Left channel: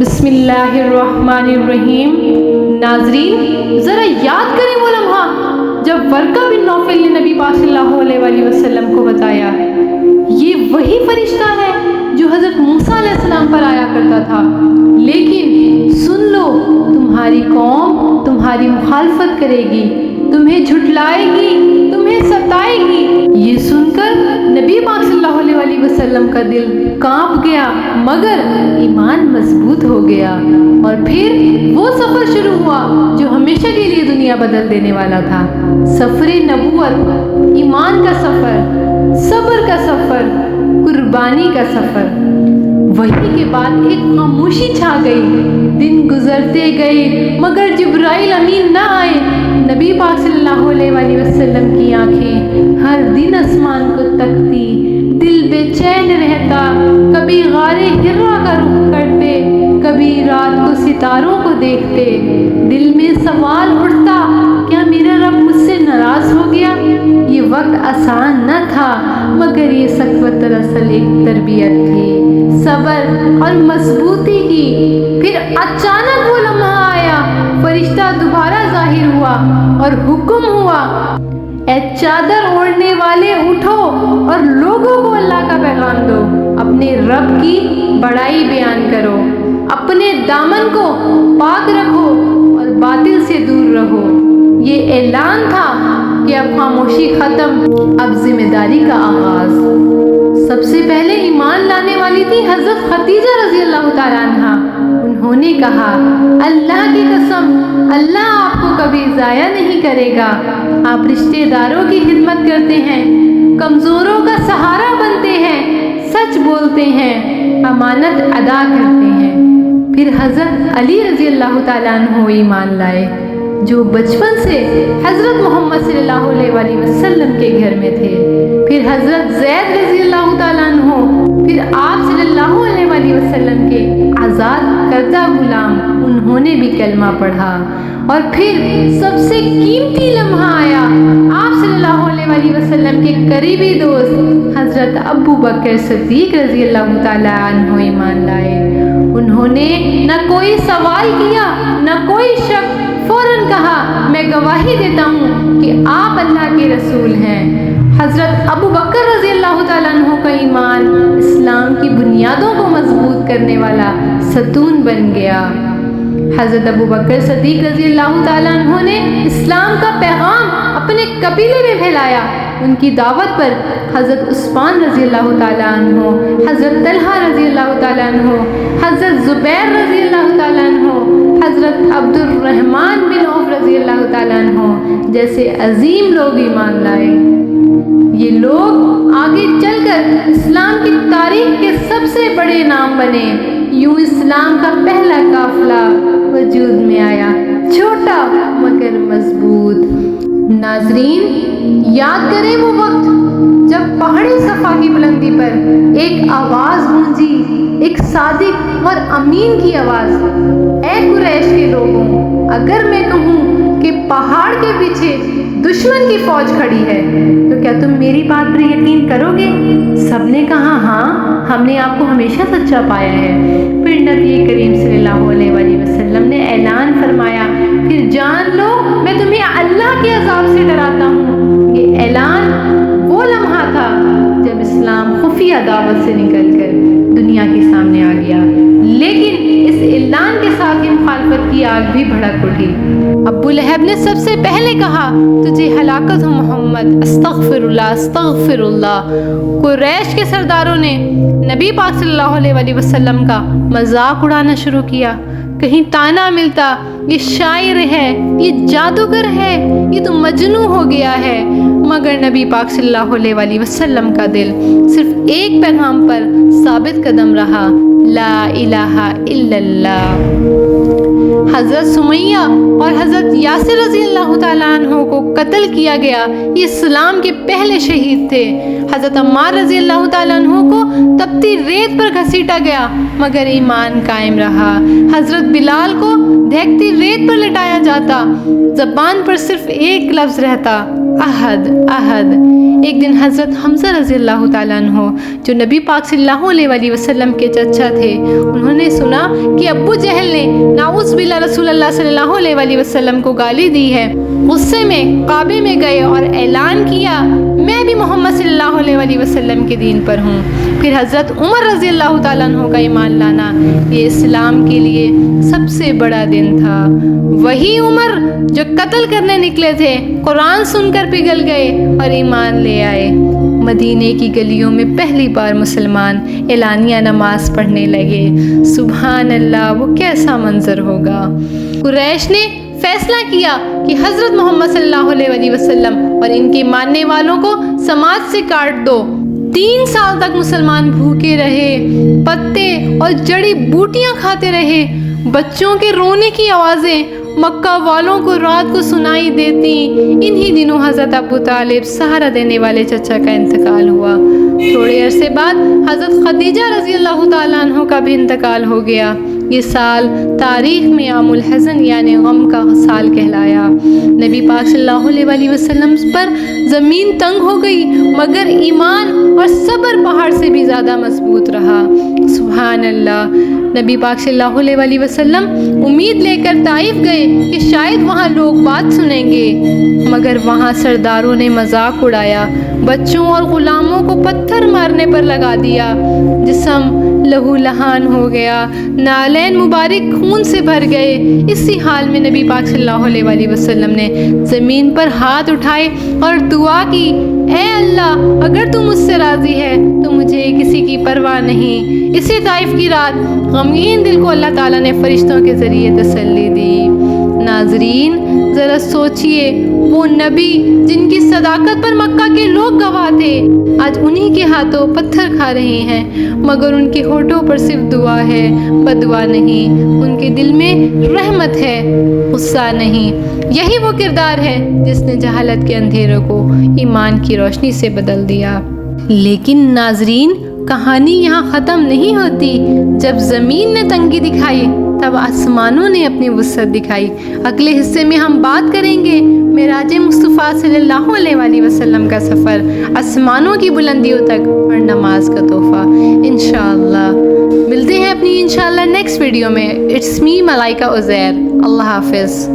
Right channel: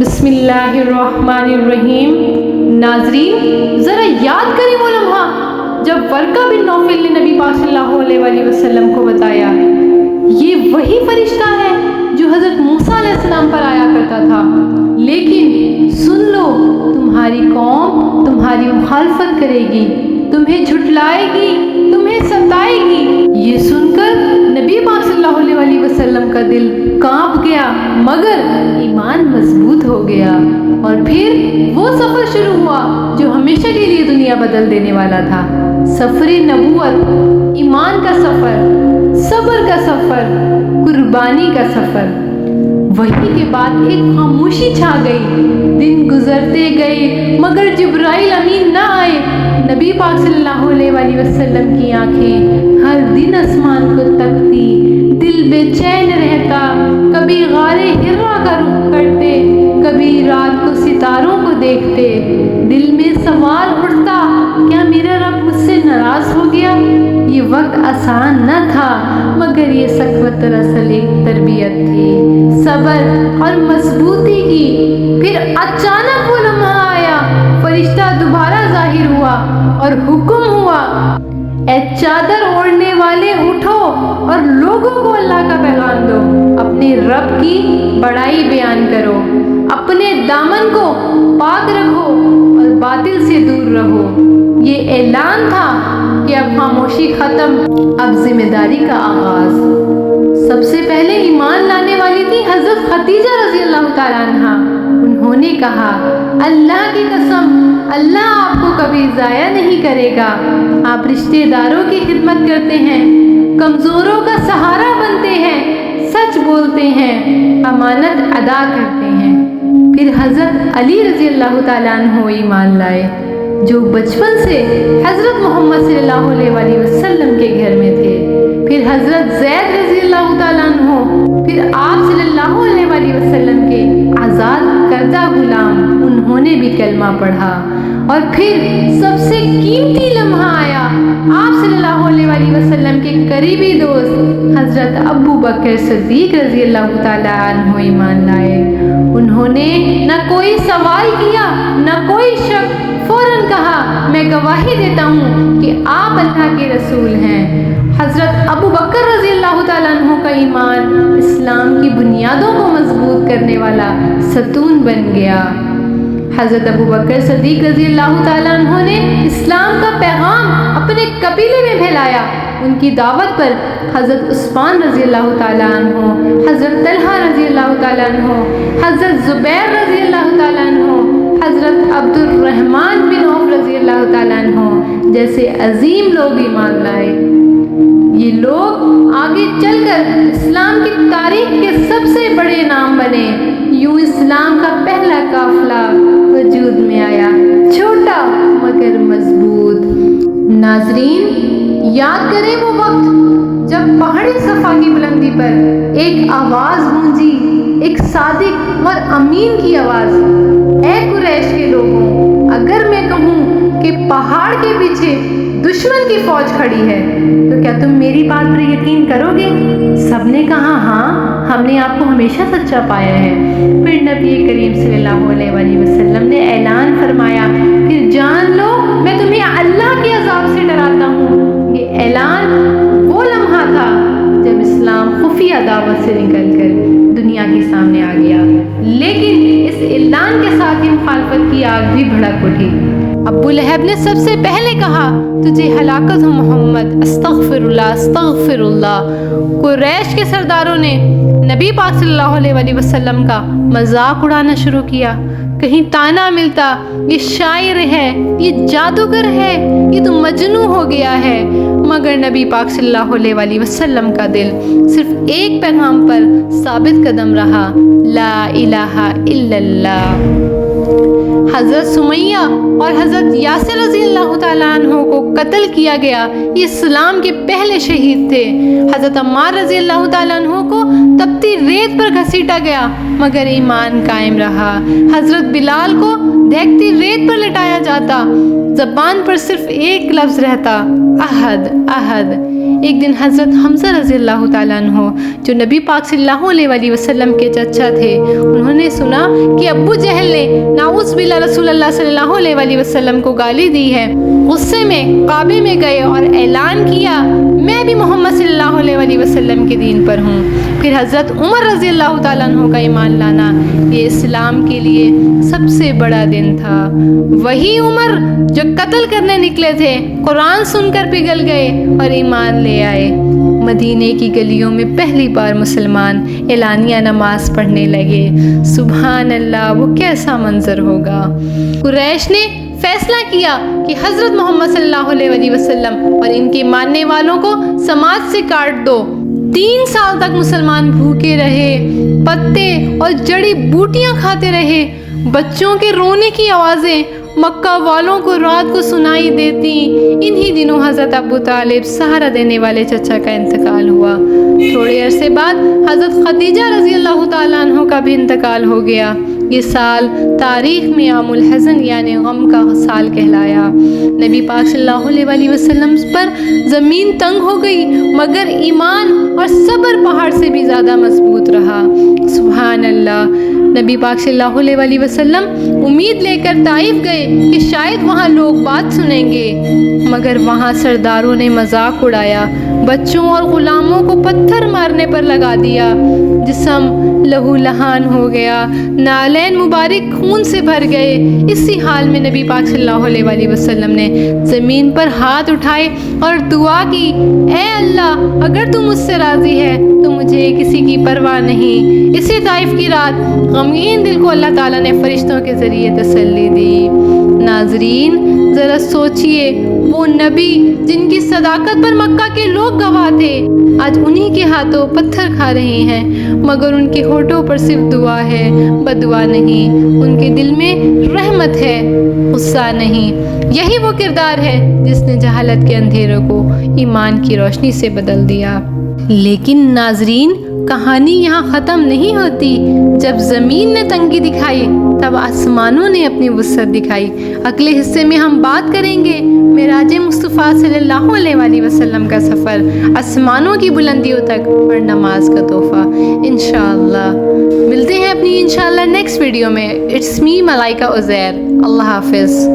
بسم اللہ الرحمن الرحیم۔ ناظرین، ذرا یاد کریں وہ لمحہ جب ورقہ بن نوفل نے نبی پاک صلی اللہ علیہ وسلم کو بتایا یہ وہی فرشتہ ہے جو حضرت موسیٰ علیہ السلام پر آیا کرتا تھا، لیکن سن لو تمہاری قوم تمہاری مخالفت کرے گی، تمہیں جھٹلائے گی، تمہیں ستائے گی۔ یہ سن کر نبی پاک صلی اللہ علیہ وسلم کا دل کانپ گیا، مگر ایمان مضبوط ہو گیا، اور پھر وہ سفر شروع ہوا جو ہمیشہ کے لیے دنیا بدل دینے والا تھا۔ سفر نبوت، ایمان کا سفر، صبر کا سفر، قربانی کا سفر۔ وحی کے بعد ایک خاموشی چھا گئی، دن گزرتے گئے مگر جبرائیل امین نہ آئے۔ نبی پاک صلی اللہ علیہ وسلم کی آنکھیں ہر دن آسمان کو تکتی، دل بے چین رہتا، کبھی غار حرا کا رخ کرتے، کبھی رات کو ستاروں کو دیکھتے۔ دل میں سوال اٹھتا، کیا میرا رب مجھ سے ناراض ہو گیا؟ یہ وقت آسان نہ تھا، مگر یہ سخاوت دراصل ایک تربیت تھی، صبر اور مضبوطی کی۔ پھر اچانک وہ لمحہ آیا، فرشتہ دوبارہ ظاہر ہوا اور حکم ہوا، اے چادر اوڑھنے والے اٹھو اور لوگوں کو اللہ کا پیغام دو، اپنے رب کی بڑائی بیان کرو، اپنے دامن کو پاک رکھو اور باطل سے دور رہو۔ یہ اعلان تھا کہ اب خاموشی ختم، اب ذمہ داری کا آغاز۔ سب سے پہلے ایمان لانے والی تھی حضرت خدیجہ رضی اللہ تعالیٰ عنہا۔ انہوں نے کہا، اللہ کی قسم، اللہ آپ کو کبھی ضائع نہیں کرے گا۔ آپ رشتہ داروں کی خدمت کرتے ہیں، کمزوروں کا سہارا بنتے ہیں، سچ بولتے ہیں، امانت ادا کرتے ہیں۔ پھر حضرت علی رضی اللہ تعالیٰ عنہ ایمان لائے، جو بچپن سے حضرت محمد صلی اللہ علیہ وسلم کے گھر میں تھے۔ پھر حضرت زید رضی اللہ تعالیٰ عنہ، پھر آپ صلی اللہ علیہ وسلم کے آزاد کردہ غلام، انہوں نے بھی کلمہ پڑھا۔ اور پھر سب سے قیمتی لمحہ آیا، آپ صلی اللہ علیہ وسلم کے قریبی دوست حضرت ابو بکر صدیق رضی اللہ تعالیٰ عنہ ایمان لائے۔ انہوں نے نہ کوئی سوال کیا، نہ کوئی شک، فوراً کہا، میں گواہی دیتا ہوں کہ آپ اللہ کے رسول ہیں۔ حضرت ابو بکر رضی اللہ تعالیٰ عنہ کا ایمان اسلام کی بنیادوں کو مضبوط کرنے والا ستون بن گیا۔ حضرت ابو بکر صدیق رضی اللہ تعالیٰ عنہ نے اسلام کا پیغام اپنے قبیلے میں پھیلایا۔ ان کی دعوت پر حضرت عثمان رضی اللہ تعالیٰ عنہ، حضرت طلحہ رضی اللہ تعالیٰ عنہ، حضرت زبیر رضی اللہ تعالیٰ عنہ، حضرت عبد الرحمن بن عوف رضی اللہ تعالیٰ عنہ جیسے عظیم لوگ ایمان لائے۔ یہ لوگ آگے چل کر اسلام کی تاریخ کے سب سے بڑے نام بنے۔ یوں اسلام کا پہلا قافلہ وجود میں آیا، چھوٹا مگر مضبوط۔ ناظرین، یاد کریں وہ وقت جب پہاڑ صفا کی بلندی پر ایک آواز گونجی، ایک صادق اور امین کی آواز، اے قریش کے لوگوں، اگر میں کہوں کہ پہاڑ کے پیچھے دشمن کی فوج کھڑی ہے تو کیا تم میری بات پر یقین کرو گے؟ سب نے کہا، ہاں، ہم نے آپ کو ہمیشہ سچا پایا ہے۔ پھر نبی کریم صلی اللہ علیہ وسلم نے اعلان فرمایا، پھر جان لو میں تمہیں اللہ کے عذاب سے ڈراتا ہوں۔ یہ اعلان وہ لمحہ تھا جب اسلام خفیہ دعوت سے نکل کر دنیا کے سامنے آ گیا، لیکن اس اعلان کے ساتھ ہی مخالفت کی آگ بھی بھڑک اٹھی۔ ابو لہب نے سب سے پہلے کہا، تجھے ہلاکت ہو محمد، استغفر اللہ استغفر اللہ۔ قریش کے سرداروں نے نبی پاک صلی اللہ علیہ وسلم کا مذاق اڑانا شروع کیا۔ کہیں تانا ملتا، یہ شاعر ہے، یہ جادوگر ہے، یہ تو مجنون ہو گیا ہے۔ مگر نبی پاک صلی اللہ علیہ وسلم کا دل صرف ایک پیغام پر ثابت قدم رہا، لا الہ الا اللہ۔ حضرت سمیہ اور حضرت یاسر رضی اللہ تعالیٰ عنہ کو قتل کیا گیا، یہ اسلام کے پہلے شہید تھے۔ حضرت عمار رضی اللہ تعالیٰ عنہ کو تپتی ریت پر گھسیٹا گیا، مگر ایمان قائم رہا۔ حضرت بلال کو دہکتی ریت پر لٹایا جاتا، زبان پر صرف ایک لفظ رہتا، احد احد۔ ایک دن حضرت حمزہ رضی اللہ تعالیٰ عنہ جو نبی پاک صلی اللہ علیہ وسلم کے چچا تھے، انہوں نے سنا کہ ابو جہل نے نعوذ باللہ رسول اللہ صلی اللہ علیہ وسلم کو گالی دی ہے۔ غصے میں کعبے میں گئے اور اعلان کیا، میں بھی محمد صلی اللہ علیہ وسلم کے دین پر ہوں۔ پھر حضرت عمر رضی اللہ تعالیٰ عنہ کا ایمان لانا یہ اسلام کے لیے سب سے بڑا دن تھا۔ وہی عمر جو قتل کرنے نکلے تھے قرآن سن کر پگھل گئے اور ایمان لے آئے۔ مدینے کی گلیوں میں پہلی بار مسلمان اعلانیہ نماز پڑھنے لگے۔ سبحان اللہ، وہ کیسا منظر ہوگا۔ قریش نے فیصلہ کیا کہ حضرت محمد صلی اللہ علیہ وسلم اور ان کے ماننے والوں کو سماج سے کاٹ دو۔ 3 سال تک مسلمان بھوکے رہے، پتے اور جڑی بوٹیاں کھاتے رہے۔ بچوں کے رونے کی آوازیں مکہ والوں کو رات کو سنائی دیتی۔ انہی دنوں حضرت ابو طالب سہارا دینے والے چچا کا انتقال ہوا۔ تھوڑے عرصے بعد حضرت خدیجہ رضی اللہ تعالیٰ عنہ کا بھی انتقال ہو گیا۔ یہ سال تاریخ میں عام الحزن یعنی غم کا سال کہلایا۔ نبی پاک صلی اللہ علیہ وسلم پر زمین تنگ ہو گئی، مگر ایمان اور صبر پہاڑ سے بھی زیادہ مضبوط رہا۔ سبحان اللہ۔ نبی پاک صلی اللہ علیہ وسلم امید لے کر طائف گئے کہ شاید وہاں لوگ بات سنیں گے، مگر وہاں سرداروں نے مذاق اڑایا، بچوں اور غلاموں کو پتھر مارنے پر لگا دیا۔ جسم لہو لہان ہو گیا، نالین مبارک خون سے بھر گئے۔ اسی حال میں نبی پاک صلی اللہ علیہ وسلم نے زمین پر ہاتھ اٹھائے اور دعا کی، اے اللہ، اگر تو مجھ سے راضی ہے تو مجھے کسی کی پرواہ نہیں۔ اسی طائف کی رات غمگین دل کو اللہ تعالیٰ نے فرشتوں کے ذریعے تسلی دی۔ ناظرین، ذرا سوچئے، وہ نبی جن کی صداقت پر مکہ کے لوگ گواہ تھے آج انہی کے ہاتھوں پتھر کھا رہے ہیں، مگر ان کے ہونٹوں پر صرف دعا ہے، بدعا نہیں۔ ان کے دل میں رحمت ہے، غصہ نہیں۔ یہی وہ کردار ہے جس نے جہالت کے اندھیروں کو ایمان کی روشنی سے بدل دیا۔ لیکن ناظرین، کہانی یہاں ختم نہیں ہوتی۔ جب زمین نے تنگی دکھائی تب آسمانوں نے اپنی وسعت دکھائی۔ اگلے حصے میں ہم بات کریں گے معراج مصطفیٰ صلی اللہ علیہ وسلم کا سفر، آسمانوں کی بلندیوں تک اور نماز کا تحفہ۔ انشاءاللہ ملتے ہیں اپنی انشاءاللہ نیکسٹ ویڈیو میں۔ اٹس می ملائکہ عزیر۔ اللہ حافظ۔